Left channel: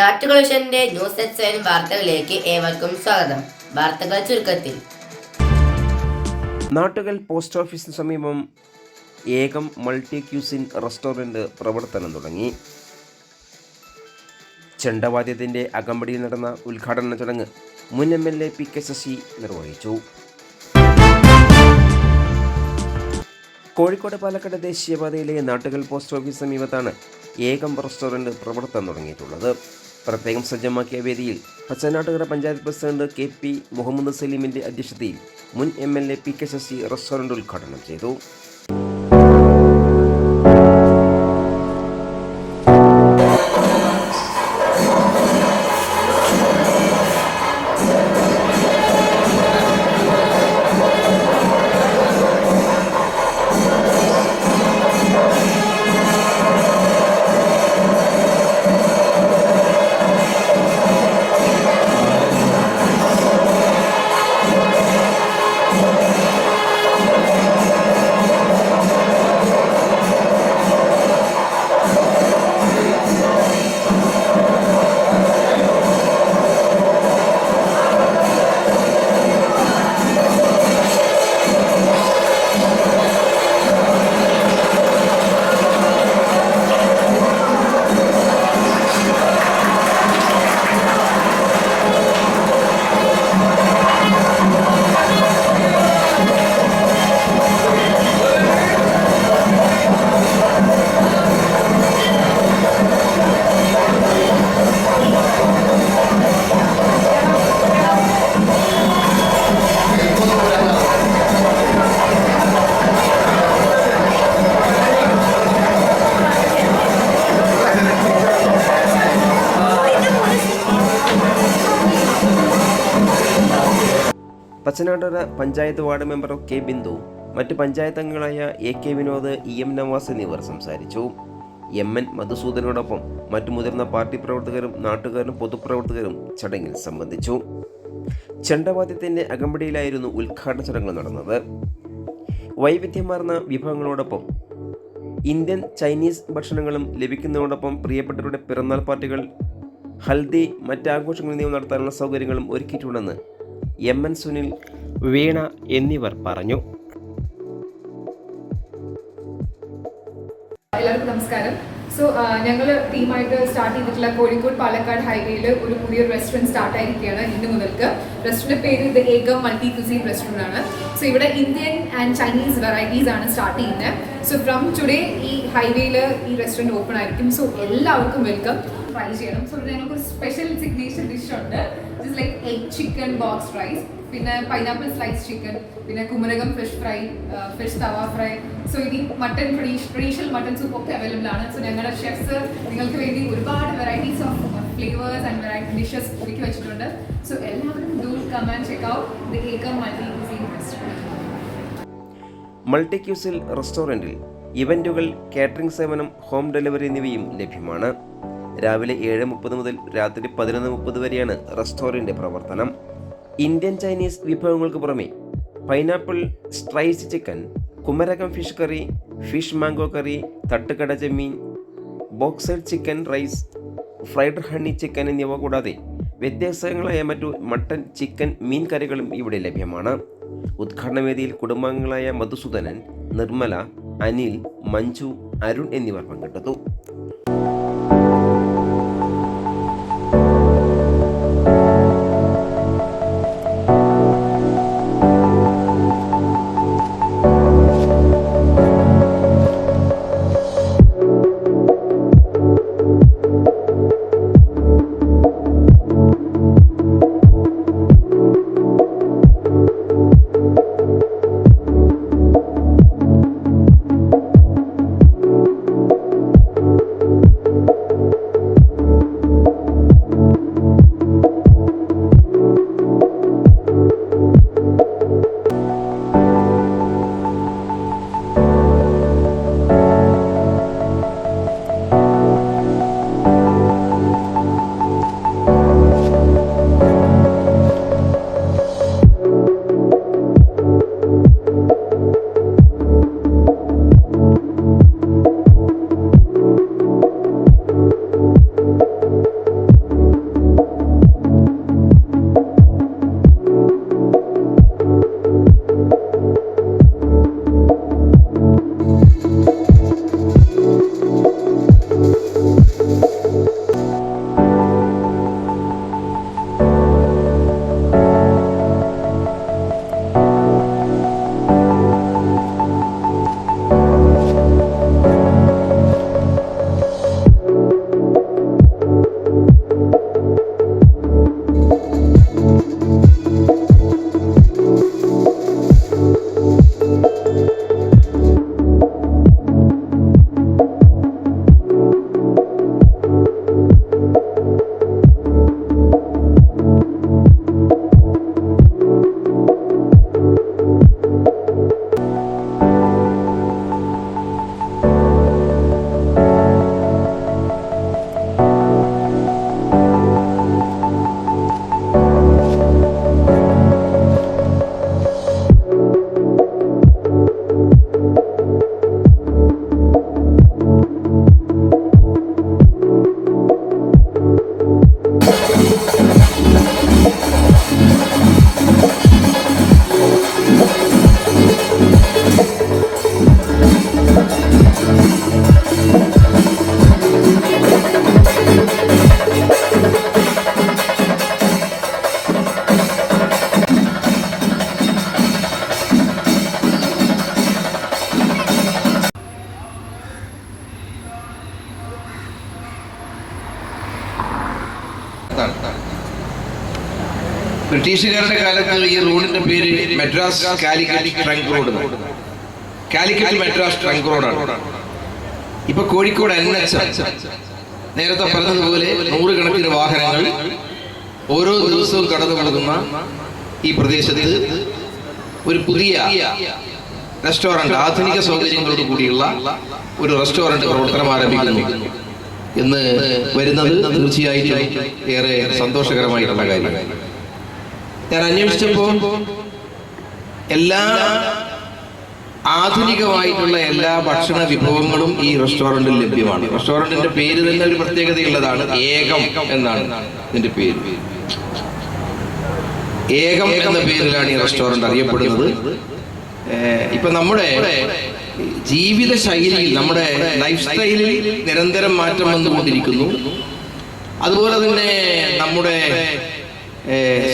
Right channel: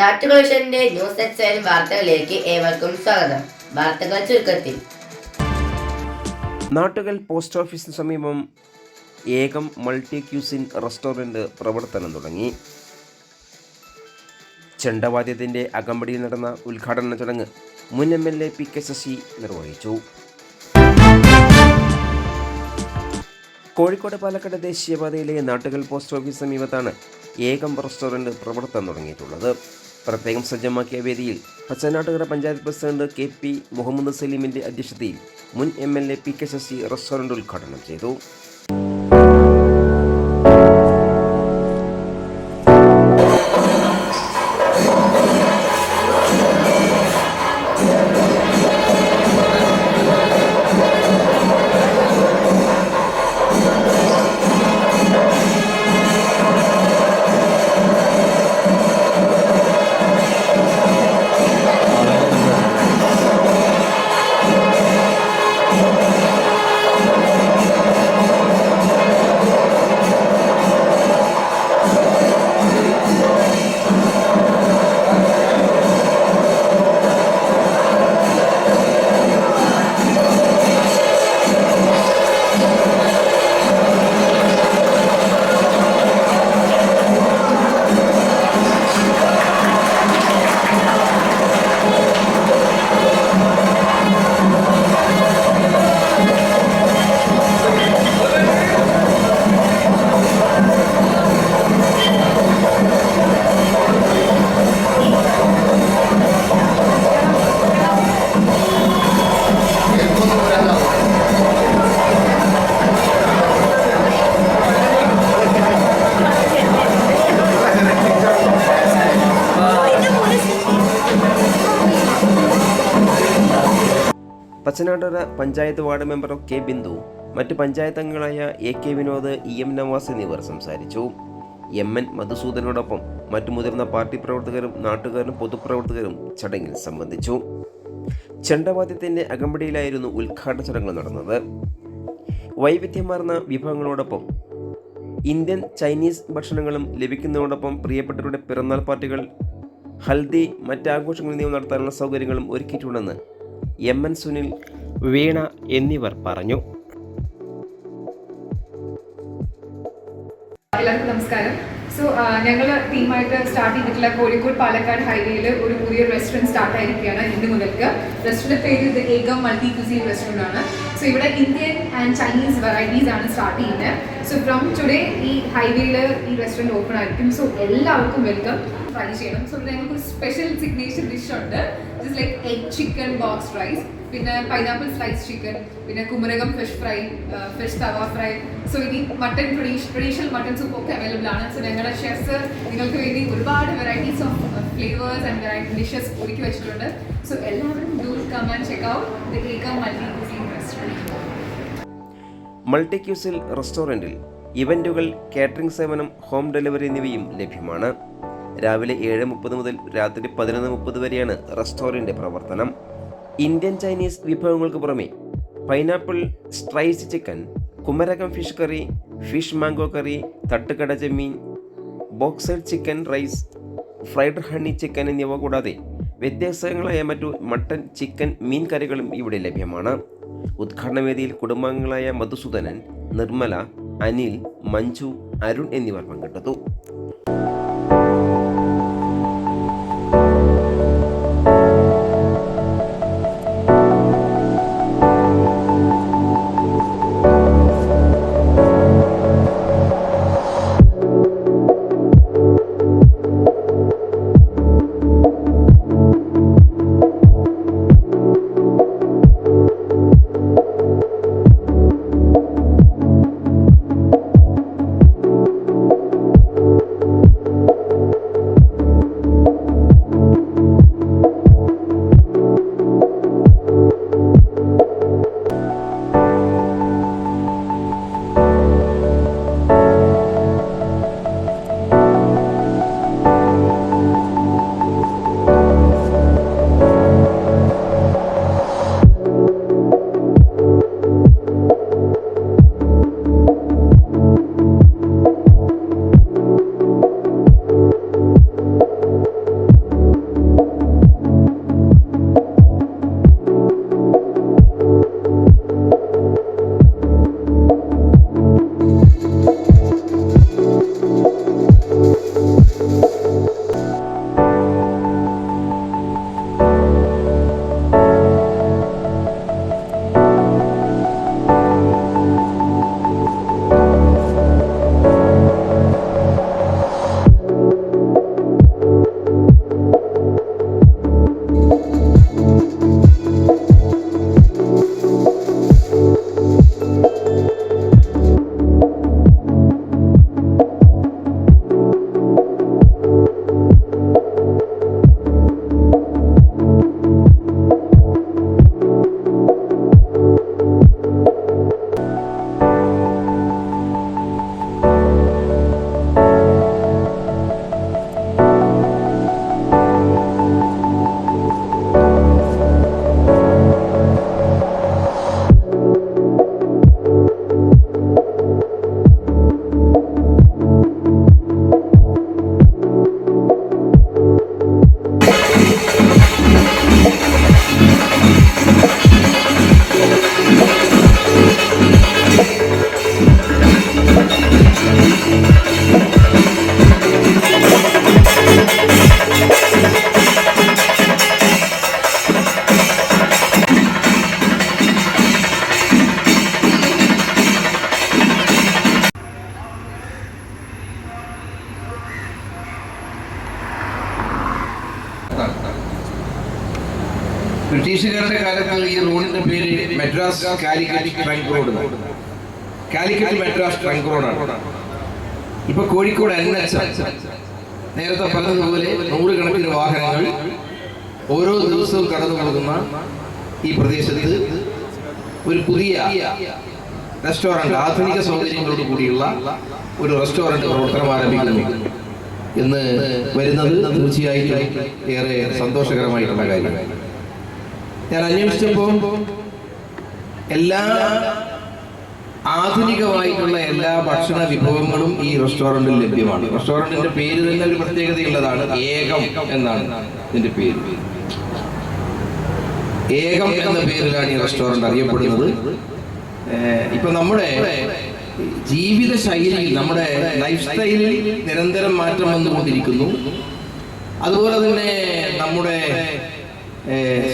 നാട്ടുകളെ news എക്സൈൻ വാർത്തകളിലേക്ക് ഏവർക്കും സ്വാഗതം. വാർത്തകൾ ചുരുക്കത്തിൽ. നാട്ടുകൽ പോസ്റ്റ് ഓഫീസിന് സമീപം ഏകം മൾട്ടി ക്യൂസിൻ റെസ്റ്റോറൻറ്റ് പ്രവർത്തനം തുടങ്ങി. ചെണ്ടവാദ്യത്തിൻ്റെ അകമ്പടിയിൽ നടന്ന ഉദ്ഘാടന ചടങ്ങ് മുൻ MLA PK ശശി നിർവഹിച്ചു. കോഴിക്കോട് പാലക്കാട് ദേശീയപാതയിലെ നാട്ടുകൽ പോസ്റ്റ് ഓഫീസ് സമീപത്താണ് ഏകം റെസ്റ്റോറൻറ്റ് പ്രവർത്തനം തുടങ്ങിയിട്ടുള്ളത്. പ്രത്യേകം സജ്ജമാക്കിയ വേദിയിൽ പച്ചനാട്ടുകര പഞ്ചായത്ത് പ്രസിഡന്റ് KP മുഹമ്മദ് സലീമിൻ്റെ അധ്യക്ഷതയിൽ മുൻ MLA PK ശശി റെസ്റ്റോറൻറ്റ് ഉദ്ഘാടനം ചെയ്തു. Pachanattukara panchayat ward member K Bindu, മറ്റ് പഞ്ചായത്ത് അംഗങ്ങളായ AK വിനോദ്, EM നവാസ് എന്നിവർ സംസാരിച്ചു. MN മധുസൂദനോടൊപ്പം മറ്റു മുതിർന്ന പാർട്ടി പ്രവർത്തകരും നാട്ടുകാരും പൊതുപ്രവർത്തകരും ചടങ്ങിൽ സംബന്ധിച്ചു. ചെണ്ടവാദ്യത്തിൻ്റെ അകമ്പടിയിലായിരുന്നു ഉദ്ഘാടന ചടങ്ങ് നടന്നത്. വൈവിധ്യമാർന്ന വിഭവങ്ങളോടൊപ്പം ഇന്ത്യൻ ചൈനീസ് ഭക്ഷണങ്ങളും ലഭിക്കുന്നതോടൊപ്പം പ്രിയപ്പെട്ടവരുടെ പിറന്നാൾ പാർട്ടികൾ, ഹൽദി, മറ്റാഘോഷങ്ങൾ എന്നിവ നടത്താനുള്ള സൗകര്യങ്ങളും ഒരുക്കിയിട്ടുണ്ടെന്ന് MN സുനിൽ, വീണ എന്നിവർ പറഞ്ഞു. എല്ലാവർക്കും നമസ്കാരം. ഞങ്ങൾ ടീമായിട്ട് സ്റ്റാർട്ട് ചെയ്തിട്ടുള്ള കോഴിക്കോട് പാലക്കാട് ഹൈവേയിൽ ഒരു പുതിയ റെസ്റ്റോറൻറ്റ് സ്റ്റാർട്ട് ആയിരിക്കുകയാണ് ഇന്ന് മുതൽക്ക്. റെസ്റ്റോറൻറ്റ് പേര് ഇത് ഏകം മൾട്ടി ക്യൂസിൻ റെസ്റ്റോറൻറ്റ് ആണ്. ഇവിടെ ഇന്ത്യൻ ആൻഡ് ചൈനീസ് വെറൈറ്റീസ് ആണ് സ്റ്റാർട്ട് ചെയ്യുന്നത്. ഫ്രം ടുഡേ ഈ ഹൈവേയിൽ ഈ റെസ്റ്റോറൻറ്റ് ഓപ്പൺ ആയിരിക്കും. എല്ലാവർക്കും വെൽക്കം. ട്രൈ ചെയ്യണം. ഇവിടെ ഞങ്ങൾക്ക് ഒരു സ്പെഷ്യൽ സിഗ്നേച്ചർ ഡിഷ് ഉണ്ട്. Just like egg chicken box rice, പിന്നെ പൈനാപ്പിൾ സ്ലൈസ് ചിക്കൻ, പിന്നെ Kumarakom fish fry, fish tawa fry. ഇനി മട്ടൺ ട്രഡീഷണൽ മട്ടൺ സൂപ്പ് ഒക്കെ അവൈലബിൾ ആണ്. ഞങ്ങളുടെ ഷെഫ്സ് നിങ്ങൾക്ക് വേണ്ടി ഒരുപാട് varieties of flavours and variety dishes ഒരുക്കി വെച്ചിട്ടുണ്ട്. എല്ലാവരും do come and check out the Ekam multi cuisine restaurant. Multi cuisine റെസ്റ്റോറൻറ്റിൽ ഇവൻറ്റുകൾ, കാറ്ററിംഗ് സേവനം, ഹോം ഡെലിവറി എന്നിവയും ലഭ്യമാണ്. രാവിലെ 7:30 മുതൽ രാത്രി 11:30 വരെയാണ് റെസ്റ്റോറൻറ്റ് പ്രവർത്തനം. ഇന്ത്യൻ ചൈനീസ് വിഭവങ്ങൾക്ക് പുറമെ pineapple slice chicken, Kumarakom fish curry, fish mango curry, തട്ടുകട ചെമ്മീൻ, ബോക്സൈഡ് chicken rice, fried honey chicken എന്നിവ കൂടാതെ വ്യത്യസ്തങ്ങളായ മറ്റു മട്ടൻ, ചിക്കൻ, മീൻ കറികളും ഇവിടെ ലഭ്യമാണ്. ഉദ്ഘാടന വേദിയിൽ കുടുംബാംഗങ്ങളായ മധുസൂദനൻ, നിർമ്മല, അനിൽ, മഞ്ജു, അരുൺ എന്നിവർ പങ്കെടുത്തു. ബ്രിട്ടീഷുകാരുടെ കാലത്ത് ഈ റോഡിന്റെ പേര് Madras Calicut trunk road. Calicut Madras trunk റോഡാണ്. ഇപ്പൊ കോഴിക്കോട് NH. നേരത്തെ പറഞ്ഞതുപോലെ നൂറുകണക്കിന് വാഹനങ്ങൾ ഓരോ ദിവസവും കടന്നു പോകുന്ന ഈ പ്രദേശത്ത് ഒരു പുതിയ റെസ്റ്റോറന്റ്, ആധുനിക സൗകര്യങ്ങളോട് കൂടിയുള്ള ഒരു റെസ്റ്റോറന്റ് പ്രവർത്തനം ആരംഭിക്കുന്നു എന്ന് വരുന്നത് തീർച്ചയായിട്ടും ഏറെ സന്തോഷകരമായിട്ടുള്ള കാര്യമാണ്. ഞാൻ അന്വേഷിച്ചപ്പോൾ എല്ലാ ആധുനികമായിട്ടുള്ള എല്ലാ ഭക്ഷണ വിഭവങ്ങളും ഈ റെസ്റ്റോറന്റിൽ ലഭ്യമാണ്. റെസ്റ്റോറന്റിന്റെ പേര് തന്നെ ഒരു പ്രത്യേകതയുള്ളതാണ്. ഏകം എന്നാണ് ഇതിന്റെ പേര്. ഏകം എന്ന പേരിലാണ് ഈ റെസ്റ്റോറന്റ് അറിയപ്പെടുന്നത്. ഇപ്പൊ നമ്മുടെ ജീവിത ശൈലിയിൽ, നമ്മുടെ ലൈഫ് സ്റ്റൈലിൽ നിരന്തരം മാറ്റം വന്നുകൊണ്ടിരിക്കുന്നു. അതുപോലെ തന്നെ നമ്മുടെ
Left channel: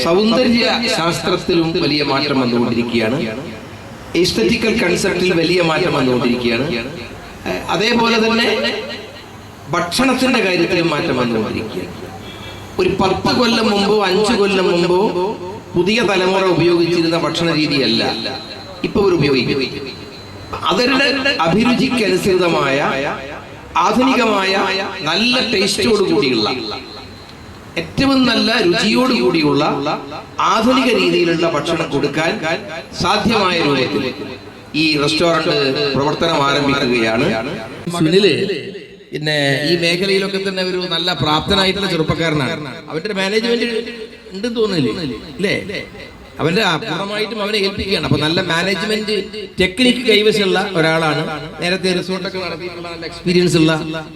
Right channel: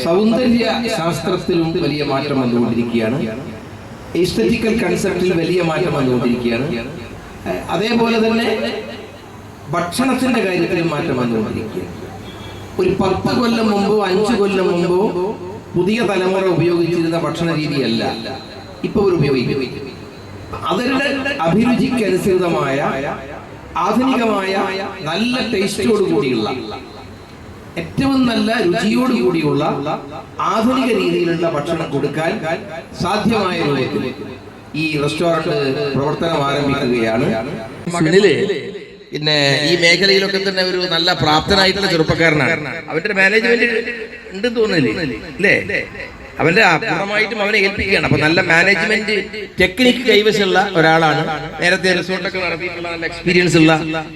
സൗന്ദര്യ ശാസ്ത്രത്തിലും വലിയ മാറ്റം വന്നുകൊണ്ടിരിക്കുകയാണ്. എസ്തെറ്റിക്കൽ കൺസെപ്റ്റിൽ വലിയ മാറ്റം വന്നുകൊണ്ടിരിക്കുകയാണ്. അതേപോലെ തന്നെ ഭക്ഷണത്തിന്റെ കാര്യത്തിലും മാറ്റം വന്നുകൊണ്ടിരിക്കുകയാണ്. ഒരു 10 കൊല്ലം മുമ്പോ 5 കൊല്ലം മുമ്പോ പുതിയ തലമുറ ഉപയോഗിച്ചിരുന്ന ഭക്ഷണ രീതിയല്ല ഇപ്പൊ ഇവർ ഉപയോഗിക്കുന്നത്. അവരുടെ അഭിരുചിക്കനുസൃതമായ ആധുനികമായ നല്ല ടേസ്റ്റോട് കൂടിയുള്ള, ഏറ്റവും നല്ല രുചിയോട് കൂടിയുള്ള ആധുനിക രീതിയിലുള്ള ഭക്ഷണം കൊടുക്കാൻ സാധ്യമായ രൂപത്തിൽ ഈ റെസ്റ്റോറന്റ് പ്രവർത്തനം ആരംഭിക്കുകയാണ്. സുനില് പിന്നെ ഈ മേഖലയിലൊക്കെ തന്നെ ഒരു നല്ല പ്രാപ്തനായിട്ടുള്ള ചെറുപ്പക്കാരനാണ്. അവന്റെ മാനേജ്മെന്റ് ഉണ്ടെന്ന് തോന്നുന്നില്ലേ അല്ലേ? അവന്റെ പൂർണ്ണമായിട്ടും അവനെ ഏൽപ്പിക്കുകയാണ്. അപ്പൊ നല്ല മാനേജ്മെന്റ് ടെക്നിക്ക് കൈവശമുള്ള ഒരാളാണ്. നേരത്തെ റിസോർട്ടൊക്കെ നടത്തിയിട്ടുള്ള നല്ല എക്സ്പീരിയൻസ് ഉള്ള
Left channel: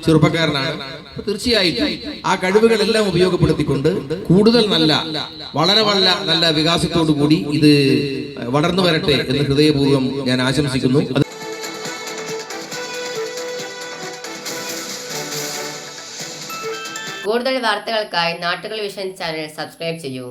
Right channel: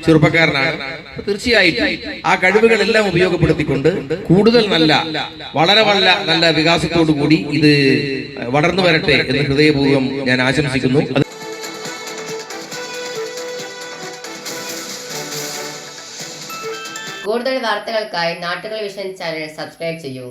ചെറുപ്പക്കാരനാണ്. തീർച്ചയായിട്ടും ആ കഴിവുകളെല്ലാം ഉപയോഗപ്പെടുത്തിക്കൊണ്ട് കൂടുതൽ വളരെ നല്ല വികാസത്തോടു കൂടി ഇത് വളർന്നു വരട്ടെ എന്ന് ഹൃദയപൂർവ്വം ഞാൻ ആശംസിക്കുന്നു. കൂടുതൽ വാർത്തകൾക്കായി നാട്ടുകൾ വിഷൻ ചാനൽ സബ്സ്ക്രൈബ് ചെയ്യൂ.